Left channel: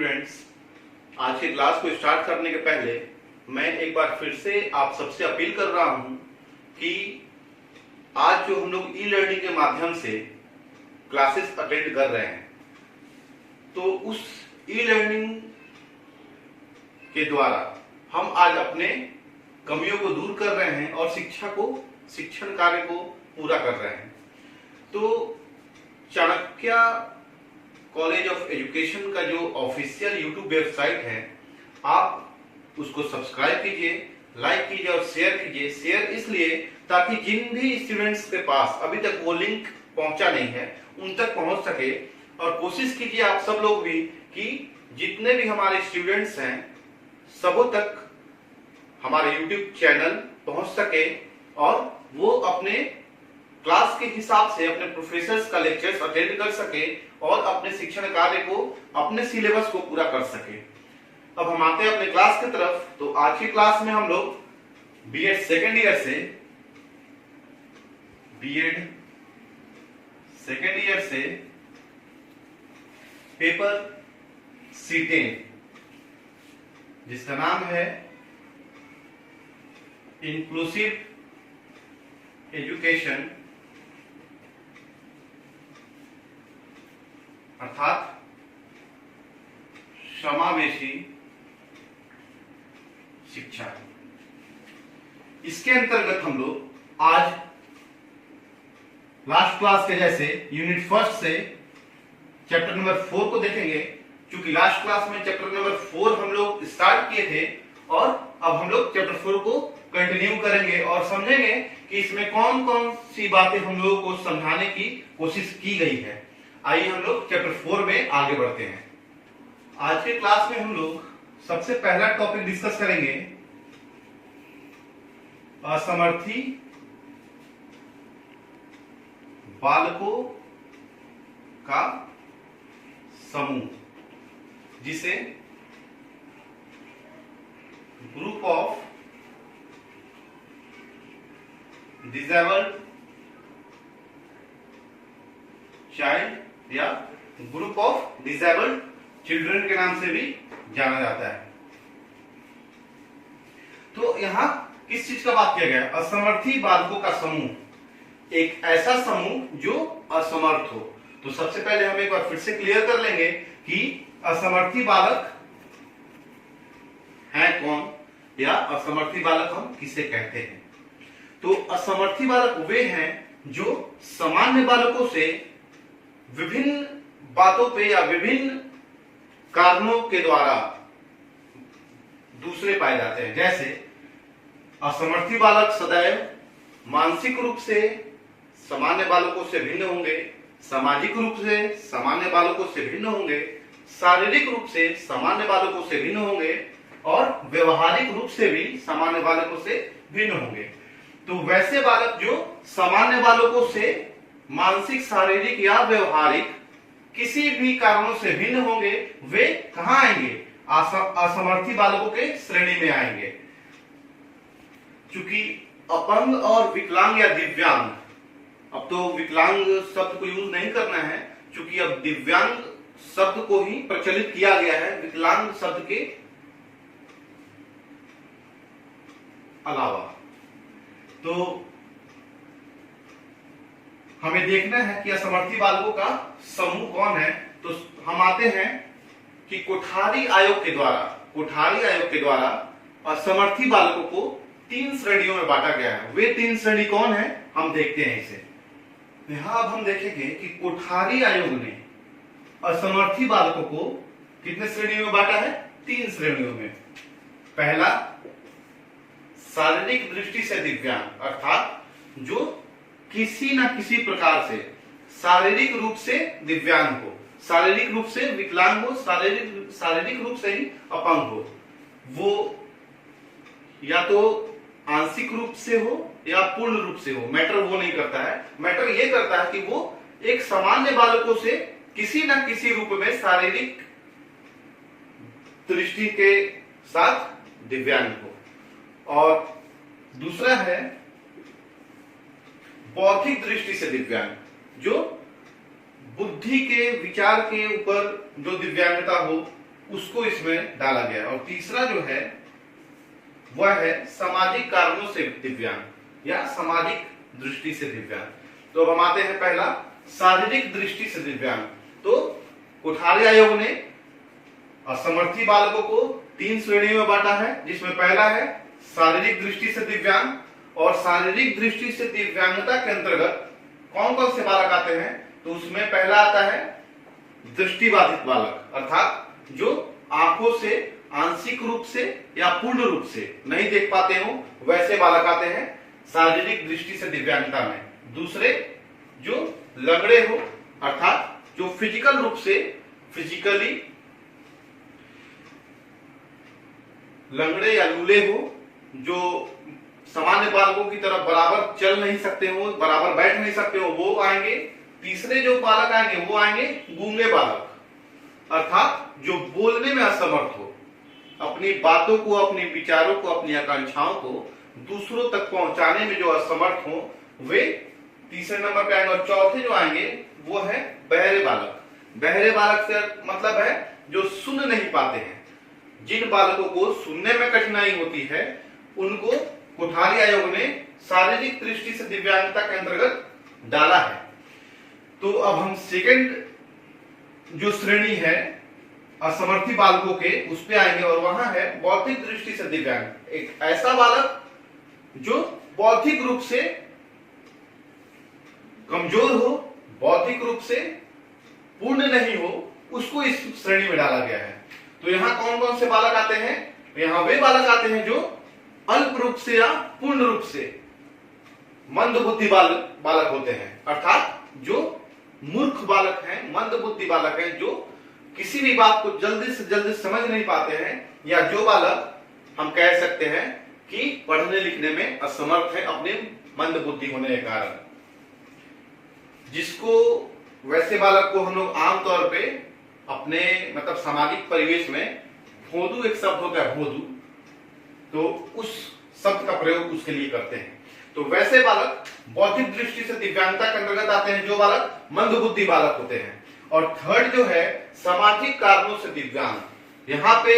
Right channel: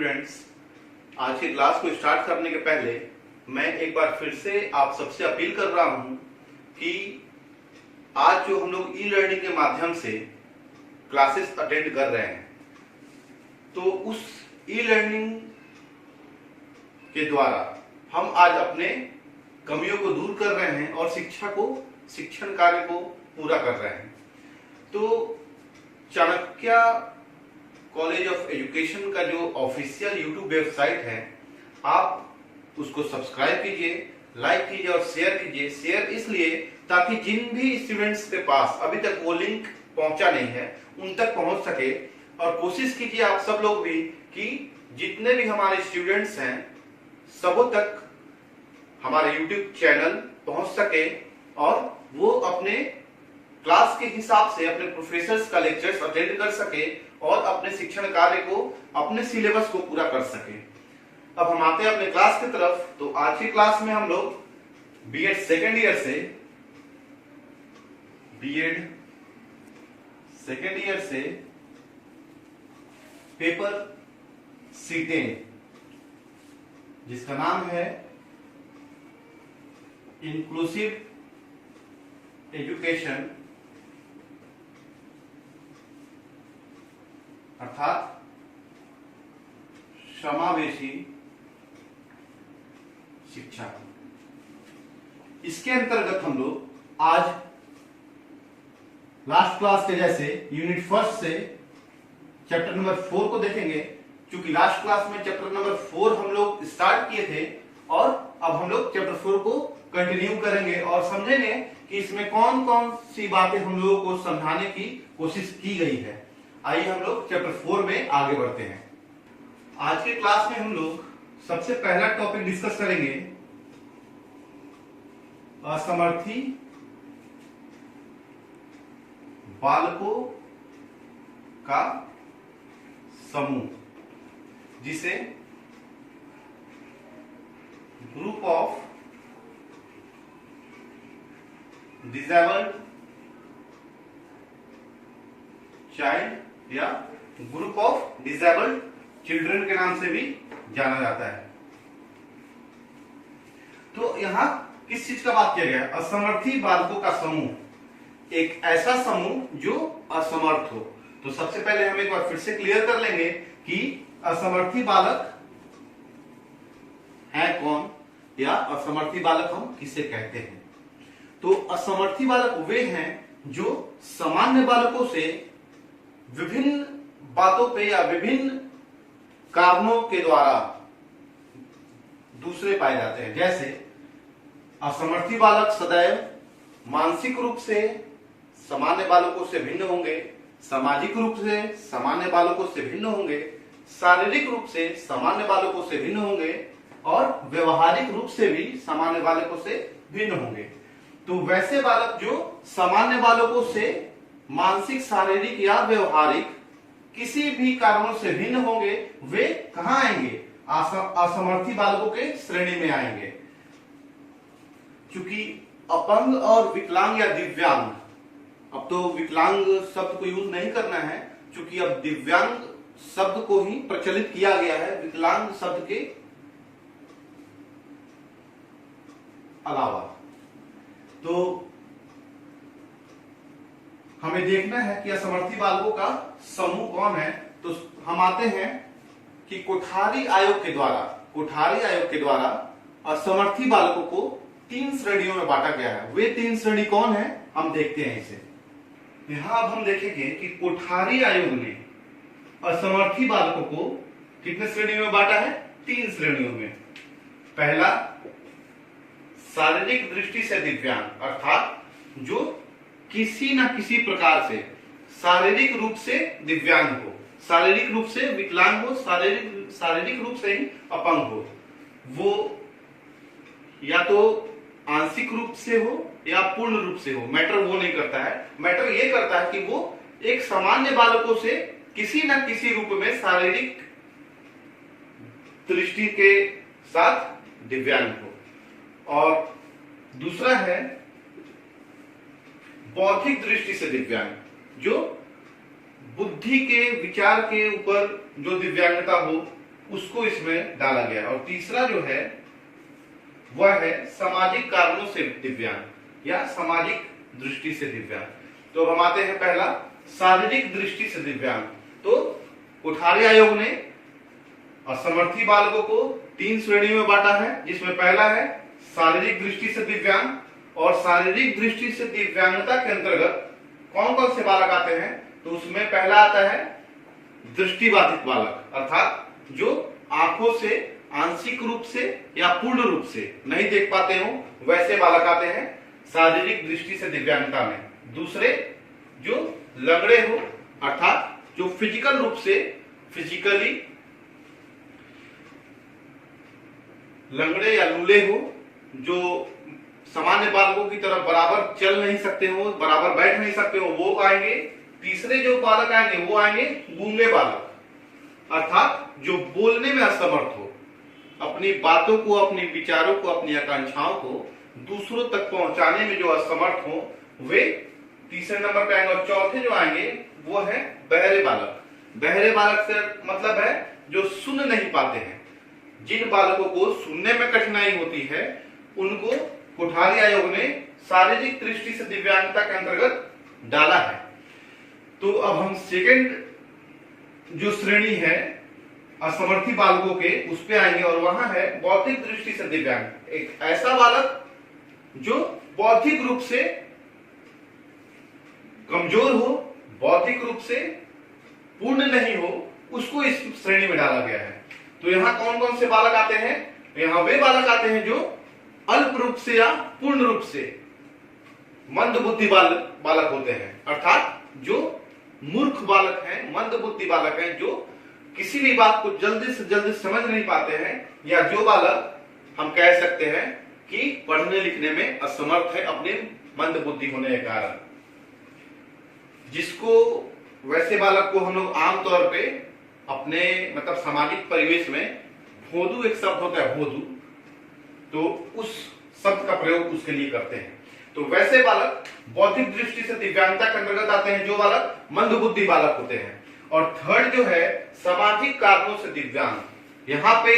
Students, आज की class को स्टार्ट करने के पहले मैं एक बार फिर से आप सबसे अपील कर रहा हूं कि आज जो हम लोग ई लर्निंग के माध्यम से क्लासेस अटेंड कर रहे हैं, तो उस ई लर्निंग के द्वारा हम आज अपने कमियों को दूर कर रहे हैं और शिक्षण कार्य को पूरा कर रहे हैं। तो चाणक्य कॉलेज ऑफ एजुकेशन का जो ऑफिशियल यूट्यूब वेबसाइट है, आप उसको सब्सक्राइब कीजिए, लाइक कीजिए और शेयर कीजिए। शेयर इसलिए ताकि जिन भी स्टूडेंट्स के पास अभी तक वो लिंक पहुंचा नहीं है उन तक पहुंच सके। और कोशिश कीजिए आप सब लोग भी कि जितने भी हमारे स्टूडेंट्स हैं सबों तक हमारे यूट्यूब चैनल पहुंच सके और वो अपने क्लास के हिसाब से अपने प्रोफेसर्स का लेक्चर्स अटेंड कर सके और अपने शिक्षण कार्य को, अपने सिलेबस को पूरा कर सके। अब हम आते हैं अपने क्लास की तरफ। तो आज की क्लास में हम लोग बीएड सेकेंड ईयर से पेपर C10 जिसका नाम है इंक्लूसिव एजुकेशन अर्थात समावेशी शिक्षा, इसके अंतर्गत हम लोग आज लास्ट क्लास के जैसे यूनिट फर्स्ट से चैप्टर नंबर 4 को देखेंगे। क्योंकि लास्ट क्लास में चैप्टर नंबर 4 हम लोग स्टार्ट किए थे और अब हम लोग चैप्टर 4 को कंटिन्यू करेंगे और समझेंगे कि इसमें कौन कौन सी बातें हम लोगों को समझाने की कोशिश की गई है। आइए हम लोग चैप्टर 4 में आगे बढ़ते हैं। आज के क्लास में हम लोग सबसे पहला टॉपिक डिस्कस करेंगे असमर्थी बालकों का समूह, जिसे ग्रुप ऑफ डिसेबल्ड चाइल्ड या ग्रुप ऑफ डिसेबल्ड चिल्ड्रन के नाम से भी जाना जाता है। तो यहां किस चीज का बात किया गया? असमर्थी बालकों का समूह, एक ऐसा समूह जो असमर्थ हो। तो सबसे पहले हम एक बार फिर से क्लियर कर लेंगे कि असमर्थी बालक है कौन या असमर्थी बालक हम किसे कहते हैं। तो असमर्थी बालक वे हैं जो सामान्य बालकों से विभिन्न बातों पे या विभिन्न कारणों के द्वारा दूसरे पाए जाते हैं। जैसे असमर्थी बालक सदैव मानसिक रूप से सामान्य बालकों से भिन्न होंगे, सामाजिक रूप से सामान्य बालकों से भिन्न होंगे, शारीरिक रूप से सामान्य बालकों से भिन्न होंगे और व्यवहारिक रूप से भी सामान्य बालकों से भिन्न होंगे। तो वैसे बालक जो सामान्य बालकों से मानसिक, शारीरिक या व्यवहारिक किसी भी कारणों से भिन्न होंगे, वे कहां आएंगे? असमर्थी बालकों के श्रेणी में आएंगे। क्योंकि अपंग और विकलांग या दिव्यांग, अब तो विकलांग शब्द को यूज नहीं करना है क्योंकि अब दिव्यांग शब्द को ही प्रचलित किया गया है विकलांग शब्द के अलावा। तो हमें देखना है कि असमर्थी बालकों का समूह कौन है। तो हम आते हैं कि कोठारी आयोग के द्वारा असमर्थी बालकों को 3 श्रेणियों में बांटा गया है। वे 3 श्रेणी कौन है हम देखते हैं इसे। यहां अब हम देखेंगे कि कोठारी आयोग ने असमर्थी बालकों को कितने श्रेणियों में बांटा है? 3 श्रेणियों में। पहला, शारीरिक दृष्टि से दिव्यांग, अर्थात जो किसी न किसी प्रकार से शारीरिक रूप से दिव्यांग हो, शारीरिक रूप से विकलांग हो, शारीरिक रूप से ही अपंग हो। वो या तो आंशिक रूप से हो या पूर्ण रूप से हो, मैटर वो नहीं करता है। मैटर ये करता है कि वो एक सामान्य बालकों से किसी न किसी रूप में शारीरिक दृष्टि के साथ दिव्यांग हो। और दूसरा है बौद्धिक दृष्टि से दिव्यांग, जो बुद्धि के, विचार के ऊपर जो दिव्यांगता हो उसको इसमें डाला गया। और तीसरा जो है वह है सामाजिक कारणों से दिव्यांग या सामाजिक दृष्टि से दिव्यांग। तो अब हम आते हैं पहला शारीरिक दृष्टि से दिव्यांग। तो कोठारी आयोग ने असमर्थी बालकों को 3 श्रेणियों में बांटा है, जिसमें पहला है शारीरिक दृष्टि से दिव्यांग। और शारीरिक दृष्टि से दिव्यांगता के अंतर्गत कौन कौन से बालक आते हैं, तो उसमें पहला आता है दृष्टिबाधित बालक, अर्थात जो आंखों से आंशिक रूप से या पूर्ण रूप से नहीं देख पाते हो, वैसे बालक आते हैं शारीरिक दृष्टि से दिव्यांगता में। दूसरे जो लंगड़े हो, अर्थात जो फिजिकल रूप से फिजिकली लंगड़े या लूले हो, जो सामान्य बालकों की तरह बराबर चल नहीं सकते हो, बराबर बैठ नहीं सकते हो, वो आएंगे। तीसरे जो बालक आएंगे वो आएंगे गूंगे बालक, अर्थात जो बोलने में असमर्थ हो, अपनी बातों को, अपने विचारों को, अपनी आकांक्षाओं को दूसरों तक पहुंचाने में जो असमर्थ हो, वे तीसरे नंबर पे आएंगे। और चौथे जो आएंगे वो है बहरे बालक। बहरे बालक से मतलब है जो सुन नहीं पाते हैं। जिन बालकों को सुनने में कठिनाई होती है उनको कोठारी आयोग ने शारीरिक दृष्टि से दिव्यांगता के अंतर्गत डाला है। तो अब हम सेकंड जो श्रेणी है असमर्थी बालकों के, उस पे आएंगे। और वहां है बौद्धिक दृष्टि से दिव्यांग। एक ऐसा बालक जो बौद्धिक रूप से कमजोर हो, बौद्धिक रूप से पूर्ण नहीं हो, उसको इस श्रेणी में डाला गया है। तो यहाँ कौन कौन से बालक आते हैं, यहाँ वे बालक आते हैं जो अल्प रूप से या पूर्ण रूप से मंद बुद्धि बालक होते हैं, अर्थात जो मूर्ख बालक हैं, मंद बुद्धि बालक हैं, जो किसी भी बात को जल्दी से जल्दी समझ नहीं पाते हैं, या जो बालक हम कह सकते हैं कि पढ़ने लिखने में असमर्थ है अपने मंद बुद्धि होने के कारण। जिसको वैसे बालक को हम लोग आमतौर पे अपने मतलब सामाजिक परिवेश में भोदू एक शब्द होता है, भोदू, तो उस शब्द का प्रयोग उसके लिए करते हैं। तो वैसे बालक बौद्धिक दृष्टि से दिव्यांगता के अंतर्गत आते हैं जो बालक मंद बुद्धि बालक होते हैं। और थर्ड जो है सामाजिक कारणों से दिव्यांग। यहाँ पे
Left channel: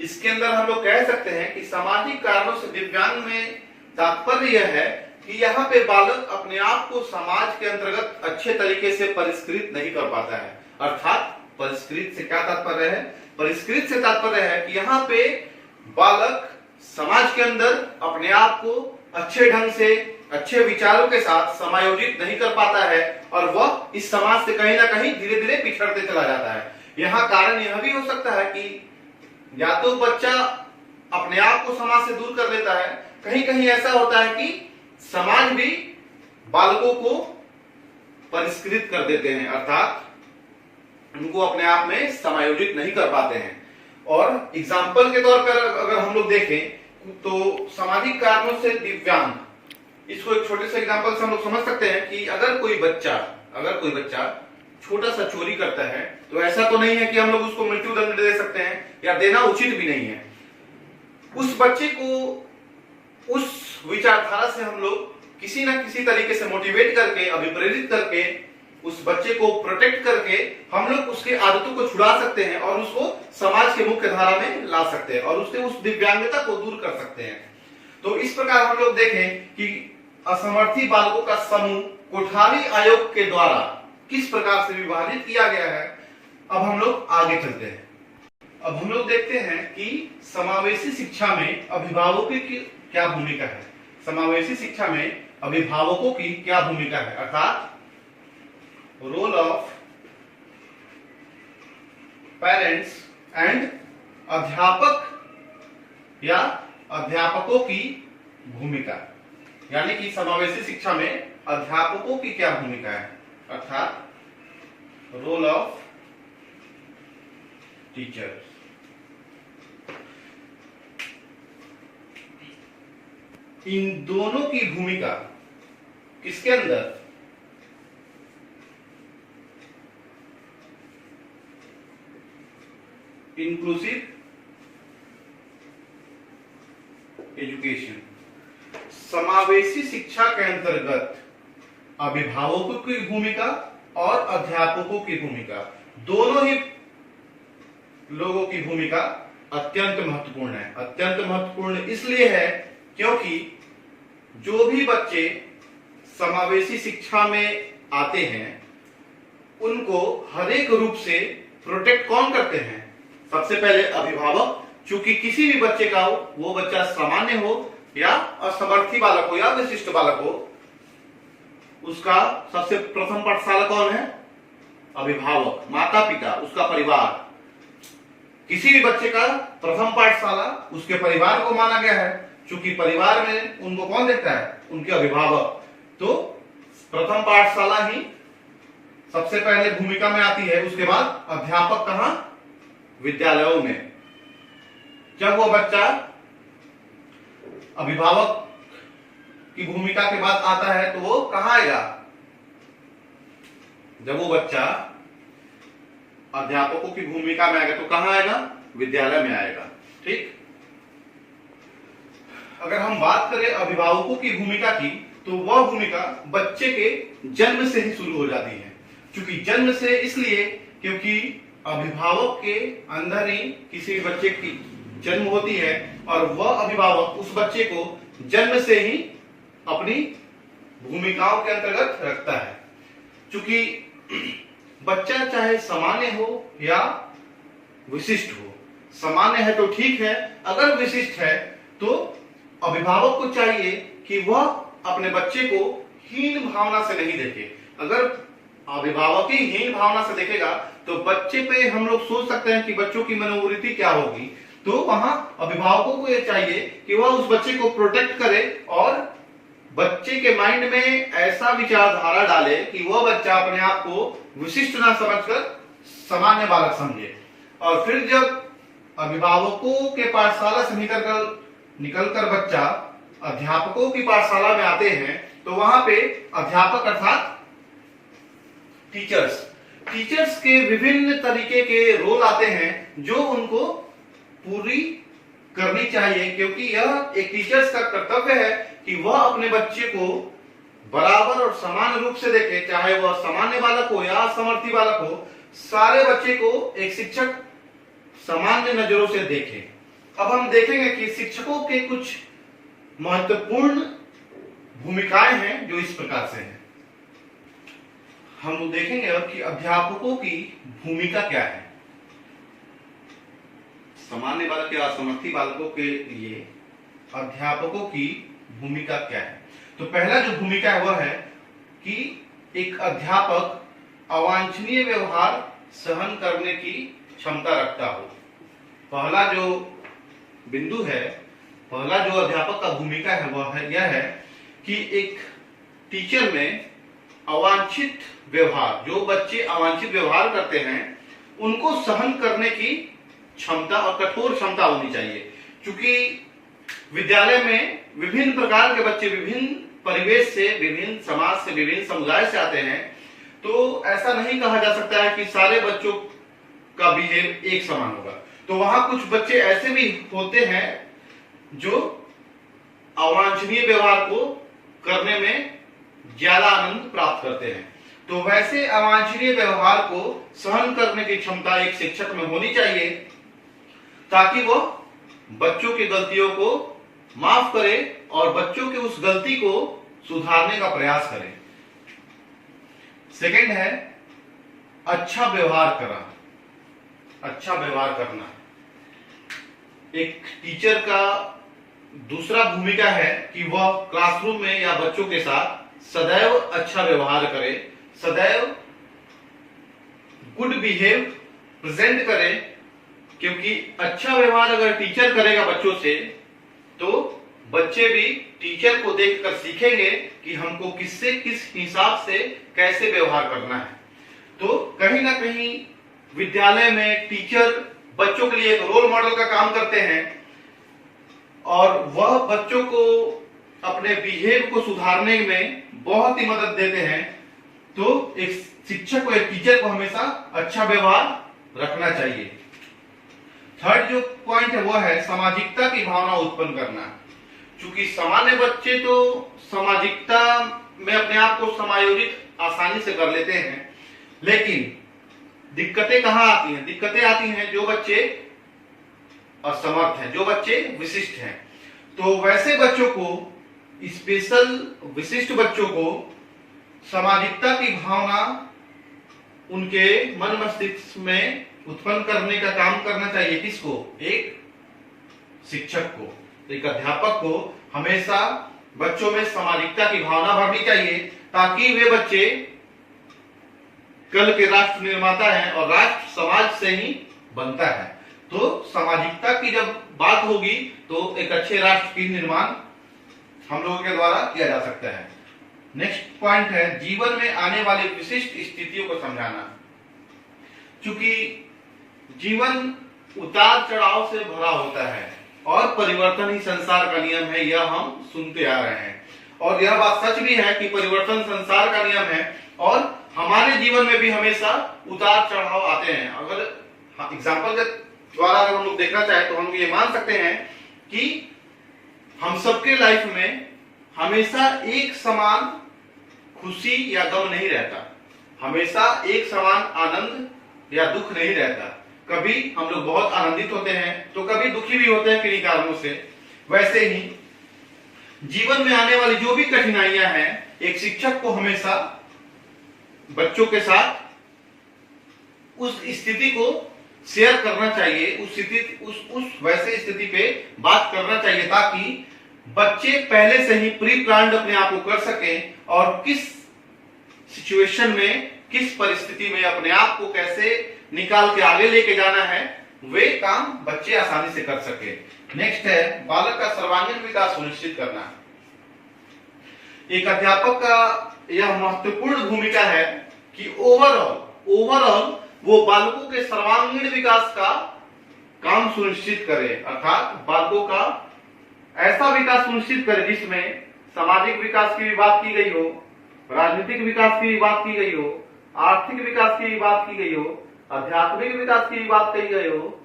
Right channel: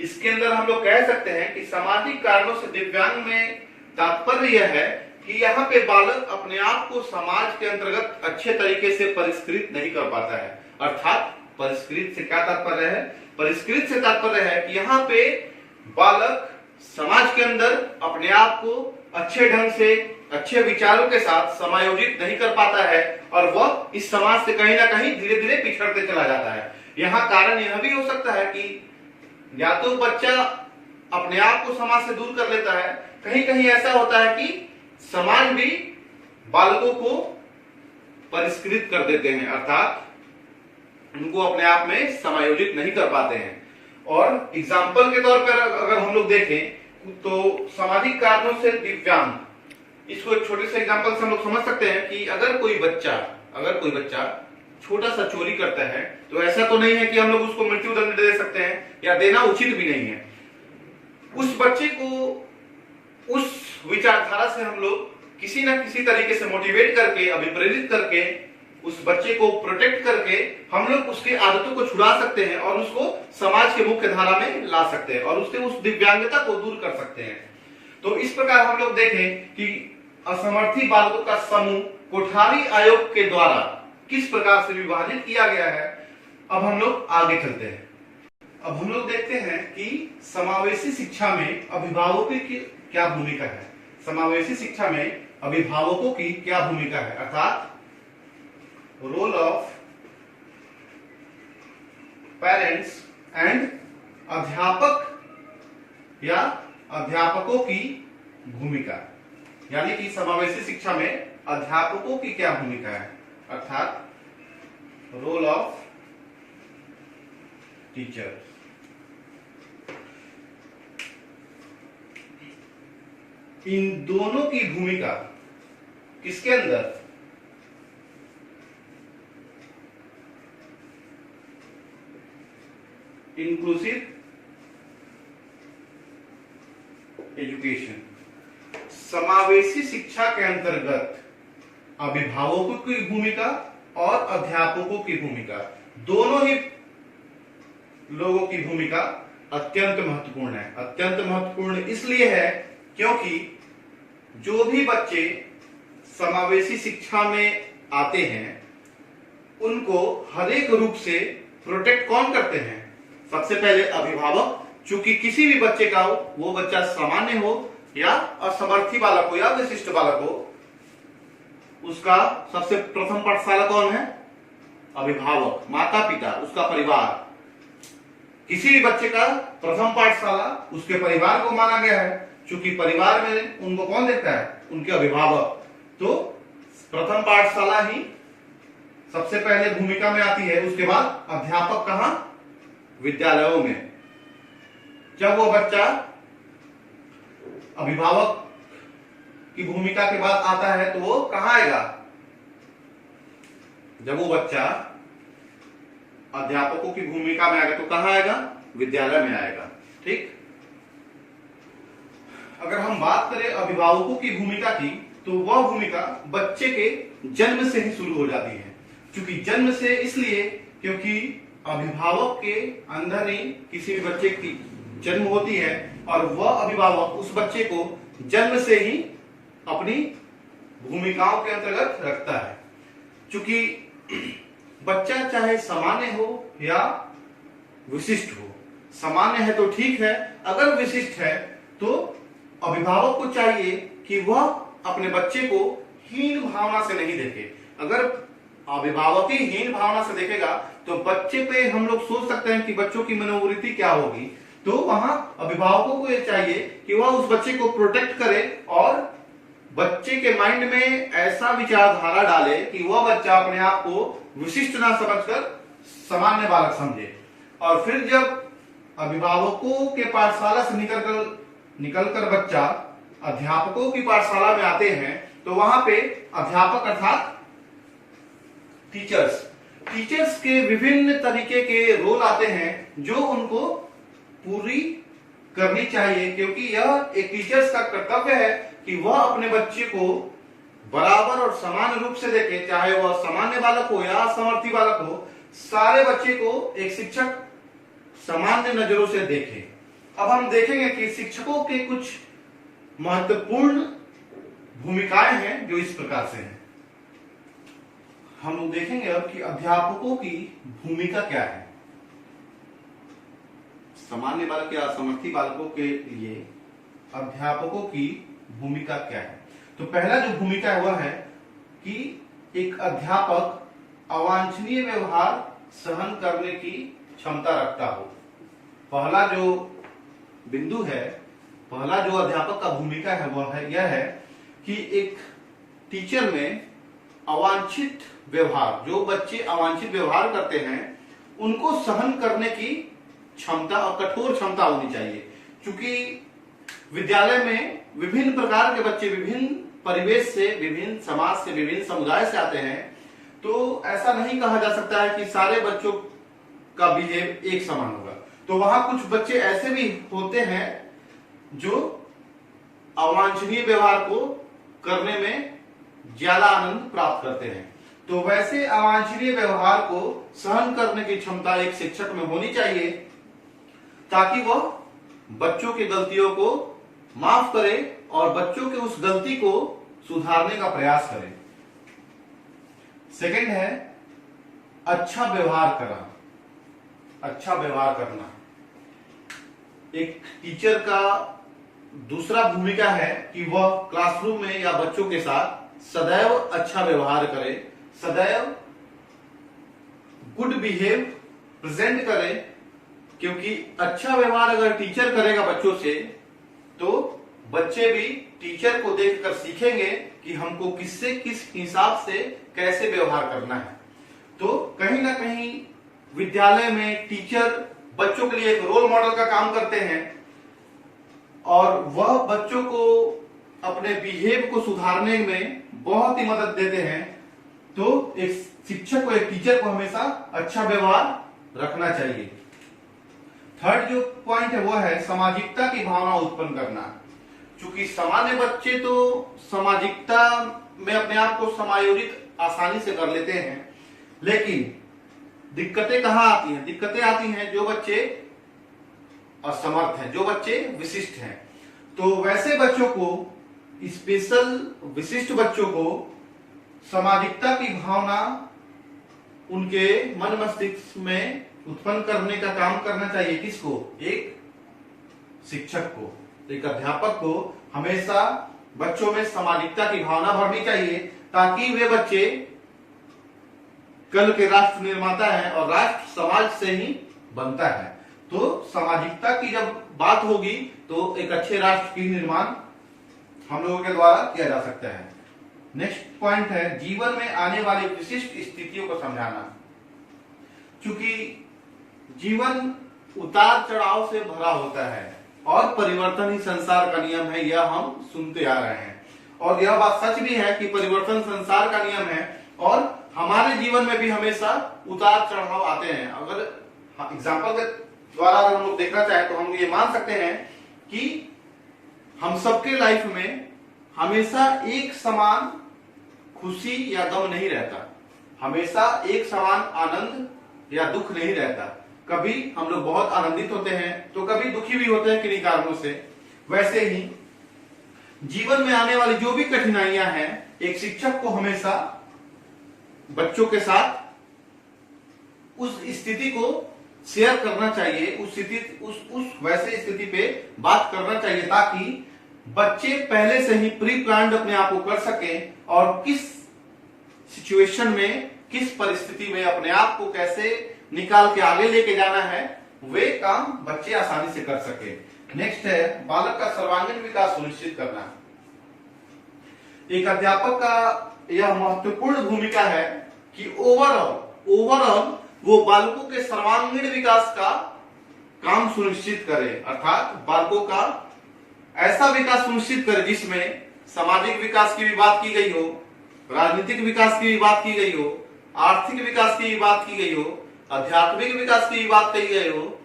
इसके अंदर हम लोग कह सकते हैं कि सामाजिक कारणों से दिव्यांग में तात्पर्य यह है कि यहाँ पे बालक अपने आप को समाज के अंतर्गत अच्छे तरीके से परिष्कृत नहीं कर पाता है। अर्थात परिष्कृत से क्या तात्पर्य है, परिष्कृत से तात्पर्य है कि यहाँ पे बालक समाज के अंदर अपने आप को अच्छे ढंग से, अच्छे विचारों के साथ समायोजित नहीं कर पाता है और वह इस समाज से कहीं ना कहीं धीरे धीरे पिछड़ते चला जाता है। यहाँ कारण यह भी हो सकता है कि या तो बच्चा अपने आप को समाज से दूर कर लेता है, कहीं कहीं ऐसा होता है कि समाज भी बालकों को परिष्कृत कर देते हैं, अर्थात उनको अपने आप में समायोजित नहीं कर पाते हैं। और एग्जाम्पल के तौर पर अगर हम लोग देखें तो सामाजिक कारणों से दिव्यांग, इसको एक छोटे से एग्जाम्पल से हम लोग समझ सकते हैं कि अगर कोई बच्चा छोटा सा चोरी करता है तो ऐसा तो नहीं है कि हम लोग उसको मृत्यु दंड दे सकते हैं या देना उचित भी नहीं है। उस बच्चे को उस विचारधारा से हम लोग किसी ना किसी तरीके से मोटिवेट करके, अभिप्रेरित करके, उस बच्चे को प्रोटेक्ट करके हम लोग उसके आदतों को छुड़ा सकते हैं और उसको समाज के मुख्य धारा में ला सकते हैं और उसके उस दिव्यांगता को दूर कर सकते हैं। तो इस प्रकार हम लोग देखें कि असमर्थी बालकों का समूह कोठारी आयोग के द्वारा किस प्रकार से विभाजित किया गया है। अब हम लोग आगे चलते हैं। अब हम लोग देखते हैं कि समावेशी शिक्षा में अभिभावकों की क्या भूमिका है। समावेशी शिक्षा में अभिभावकों की क्या भूमिका है, अर्थात रोल ऑफ पेरेंट्स एंड अध्यापक या अध्यापकों की भूमिका, यानी कि समावेशी शिक्षा में अध्यापकों की क्या भूमिका है, अर्थात रोल ऑफ टीचर। इन दोनों की भूमिका किसके अंदर, इंक्लूसिव एजुकेशन, समावेशी शिक्षा के अंतर्गत अभिभावकों की भूमिका और अध्यापकों की भूमिका दोनों ही लोगों की भूमिका अत्यंत महत्वपूर्ण है। अत्यंत महत्वपूर्ण इसलिए है क्योंकि जो भी बच्चे समावेशी शिक्षा में आते हैं उनको हर एक रूप से प्रोटेक्ट कौन करते हैं? सबसे पहले अभिभावक, चूंकि किसी भी बच्चे का वो बच्चा सामान्य हो या असमर्थी बालक हो या विशिष्ट बालक हो, उसका सबसे प्रथम पाठशाला कौन है? अभिभावक, माता पिता, उसका परिवार। किसी भी बच्चे का प्रथम पाठशाला उसके परिवार को माना गया है, चूंकि परिवार में उनको कौन देखता है? उनके अभिभावक। तो प्रथम पाठशाला ही सबसे पहले भूमिका में आती है। उसके बाद अध्यापक कहां? विद्यालयों में। जब वो बच्चा अभिभावक की भूमिका के बाद आता है तो वो कहां आएगा? जब वो बच्चा अध्यापकों की भूमिका में आएगा तो कहां आएगा? विद्यालय में आएगा। ठीक। अगर हम बात करें अभिभावकों की भूमिका की, तो वह भूमिका बच्चे के जन्म से ही शुरू हो जाती है। क्योंकि जन्म से इसलिए क्योंकि अभिभावक के अंदर ही किसी भी बच्चे की जन्म होती है और वह अभिभावक उस बच्चे को जन्म से ही अपनी भूमिकाओं के अंतर्गत रखता है। क्योंकि बच्चा चाहे सामान्य हो या विशिष्ट हो, सामान्य है तो ठीक है, अगर विशिष्ट है तो अभिभावक को चाहिए कि वह अपने बच्चे को हीन भावना से नहीं देखे। अगर अभिभावक ही हीन भावना से देखेगा तो बच्चे पे हम लोग सोच सकते हैं कि बच्चों की मनोवृत्ति क्या होगी। तो वहां अभिभावकों को यह चाहिए कि वह उस बच्चे को प्रोटेक्ट करे और बच्चे के माइंड में ऐसा विचारधारा डाले कि वह बच्चा अपने आप को विशिष्ट ना समझकर सामान्य बालक समझे। और फिर जब अभिभावकों के पाठशाला से निकलकर बच्चा अध्यापकों की पाठशाला में आते हैं तो वहां पे अध्यापक अर्थात टीचर्स के विभिन्न तरीके के रोल आते हैं जो उनको पूरी करनी चाहिए, क्योंकि यह एक टीचर्स का कर्तव्य है कि वह अपने बच्चे को बराबर और समान रूप से देखे, चाहे वह सामान्य बालक हो या असमर्थी बालक हो। सारे बच्चे को एक शिक्षक सामान्य नजरों से देखे। अब हम देखेंगे कि शिक्षकों के कुछ महत्वपूर्ण भूमिकाएं हैं जो इस प्रकार से हैं। हम देखेंगे अब कि अध्यापकों की भूमिका क्या है। सामान्य बालक या असमर्थी बालकों के लिए अध्यापकों की भूमिका क्या है? तो पहला जो भूमिका है वह है कि एक अध्यापक अवांछनीय व्यवहार सहन करने की क्षमता रखता हो। पहला जो बिंदु है, पहला जो अध्यापक का भूमिका है वह है यह है कि एक टीचर में अवांछित व्यवहार, जो बच्चे अवांछित व्यवहार करते हैं उनको सहन करने की क्षमता और कठोर क्षमता होनी चाहिए। क्योंकि विद्यालय में विभिन्न प्रकार के बच्चे विभिन्न परिवेश से, विभिन्न समाज से, विभिन्न समुदाय से आते हैं, तो ऐसा नहीं कहा जा सकता है कि सारे बच्चों का बिहेव एक समान होगा। तो वहां कुछ बच्चे ऐसे भी होते हैं जो अवांछनीय व्यवहार को करने में ज्यादा आनंद प्राप्त करते हैं। तो वैसे अवांछनीय व्यवहार को सहन करने की क्षमता एक शिक्षक में होनी चाहिए ताकि वह बच्चों की गलतियों को माफ करे और बच्चों के उस गलती को सुधारने का प्रयास करे। सेकंड है अच्छा व्यवहार करना। अच्छा व्यवहार करना एक टीचर का दूसरा भूमिका है कि वह क्लासरूम में या बच्चों के साथ सदैव अच्छा व्यवहार करे, सदैव गुड बिहेव प्रेजेंट करे। क्योंकि अच्छा व्यवहार अगर टीचर करेगा बच्चों से तो बच्चे भी टीचर को देखकर सीखेंगे कि हमको किससे किस हिसाब से कैसे व्यवहार करना है। तो कहीं ना कहीं विद्यालय में टीचर बच्चों के लिए एक रोल मॉडल का काम करते हैं और वह बच्चों को अपने बिहेव को सुधारने में बहुत ही मदद देते हैं। तो एक शिक्षक को, एक टीचर को हमेशा अच्छा व्यवहार रखना चाहिए। थर्ड जो पॉइंट है वह है सामाजिकता की भावना उत्पन्न करना। क्योंकि सामान्य बच्चे तो सामाजिकता में अपने आप को समायोजित आसानी से कर लेते हैं, लेकिन दिक्कतें कहाँ आती हैं? दिक्कतें आती हैं जो बच्चे असमर्थ हैं, जो बच्चे विशिष्ट हैं। तो वैसे बच्चों को, स्पेशल विशिष्ट बच्चों को सामाजिकता की भावना उनके मन मस्तिष्क में उत्पन्न करने का काम करना चाहिए। किसको? एक शिक्षक को, एक अध्यापक को हमेशा बच्चों में सामाजिकता की भावना भरनी चाहिए, ताकि वे बच्चे कल के राष्ट्र निर्माता हैं और राष्ट्र समाज से ही बनता है। तो सामाजिकता की जब बात होगी तो एक अच्छे राष्ट्र की निर्माण हम लोगों के द्वारा किया जा सकता है। नेक्स्ट पॉइंट है जीवन में आने वाले विशिष्ट स्थितियों को समझाना। चूंकि जीवन उतार चढ़ाव से भरा होता है और परिवर्तन ही संसार का नियम है, यह हम सुनते आ रहे हैं। और यह बात सच भी है कि परिवर्तन संसार का नियम है और हमारे जीवन में भी हमेशा उतार चढ़ाव आते हैं। अगर एग्जाम्पल के द्वारा अगर हम लोग देखना चाहें तो हम ये मान सकते हैं कि हम सबके लाइफ में हमेशा एक समान खुशी या गम नहीं रहता, हमेशा एक समान आनंद या दुख नहीं रहता। कभी हम लोग बहुत आनंदित होते हैं तो कभी दुखी भी होते हैं किन्हीं कारणों से। वैसे ही जीवन में आने वाली जो भी कठिनाइयां हैं, एक शिक्षक को हमेशा बच्चों के साथ उस स्थिति को शेयर करना चाहिए, उस स्थिति उस वैसे स्थिति पे बात करना चाहिए, ताकि बच्चे पहले से ही प्री प्लान्ड अपने आप को कर सकें और किस सिचुएशन में, किस परिस्थिति में अपने आप को कैसे निकाल के आगे लेके जाना है, वे काम बच्चे आसानी से कर सके। नेक्स्ट है बालक का सर्वांगीण विकास सुनिश्चित करना। एक अध्यापक का यह महत्वपूर्ण भूमिका है कि ओवरऑल वो बालकों के सर्वांगीण विकास का काम सुनिश्चित करे, अर्थात बालकों का ऐसा विकास सुनिश्चित करे जिसमें सामाजिक विकास की भी बात की गई हो, राजनीतिक विकास की भी बात की गई हो, आर्थिक विकास की भी बात की गई हो, आध्यात्मिक विकास की भी बात की गई हो,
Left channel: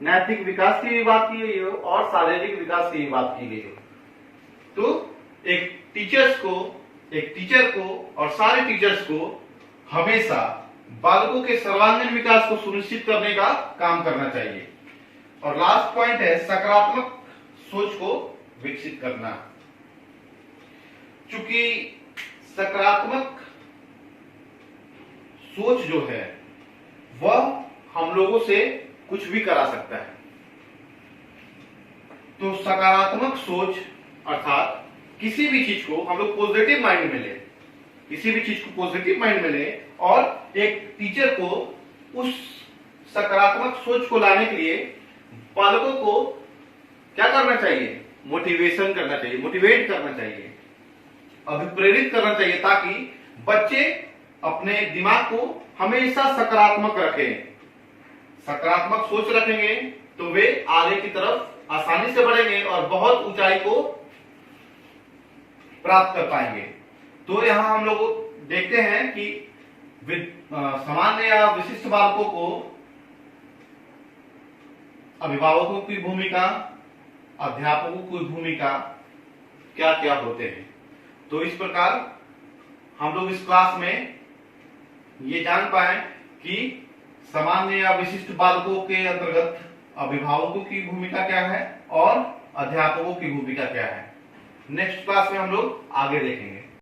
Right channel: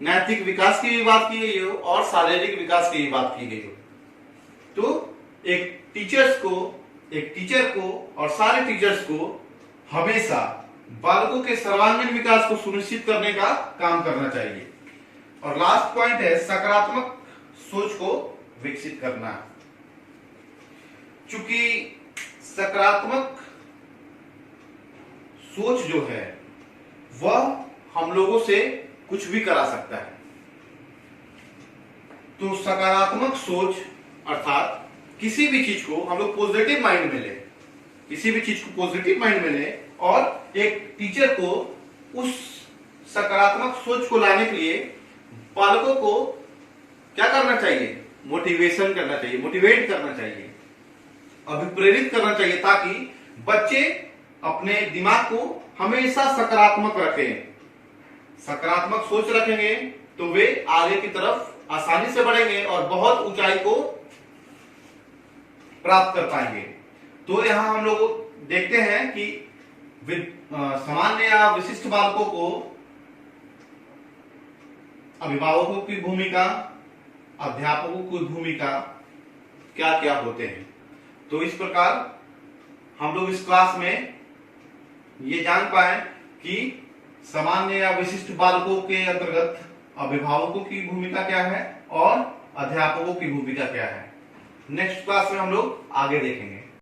नैतिक विकास की भी बात की गई हो और शारीरिक विकास की भी बात की गई हो। तो एक टीचर को और सारे टीचर्स को हमेशा बालकों के सर्वांगीण विकास को सुनिश्चित करने का काम करना चाहिए। और लास्ट पॉइंट है सकारात्मक सोच को विकसित करना। चूंकि सकारात्मक सोच जो है वह हम लोगों से कुछ भी करा सकता है। तो सकारात्मक सोच अर्थात किसी भी चीज को हम लोग पॉजिटिव माइंड में ले, किसी भी चीज को पॉजिटिव माइंड में ले, और एक टीचर को उस सकारात्मक सोच को लाने के लिए बालकों को क्या करना चाहिए? मोटिवेशन करना चाहिए, मोटिवेट करना चाहिए, अभिप्रेरित करना चाहिए, ताकि बच्चे अपने दिमाग को हमेशा सकारात्मक रखें। सकारात्मक सोच रखेंगे तो वे आगे की तरफ आसानी से बढ़ेंगे और बहुत ऊंचाई को प्राप्त कर पाएंगे। तो यहां हम लोग देखते हैं कि सामान्य या विशिष्ट बालकों को अभिभावकों की भूमिका, अध्यापकों की भूमिका क्या क्या होते हैं। तो इस प्रकार हम लोग इस क्लास में ये जान पाए कि सामान्य या विशिष्ट बालकों के अंतर्गत अभिभावकों की भूमिका क्या है और अध्यापकों की भूमिका क्या है। नेक्स्ट क्लास में हम लोग आगे देखेंगे।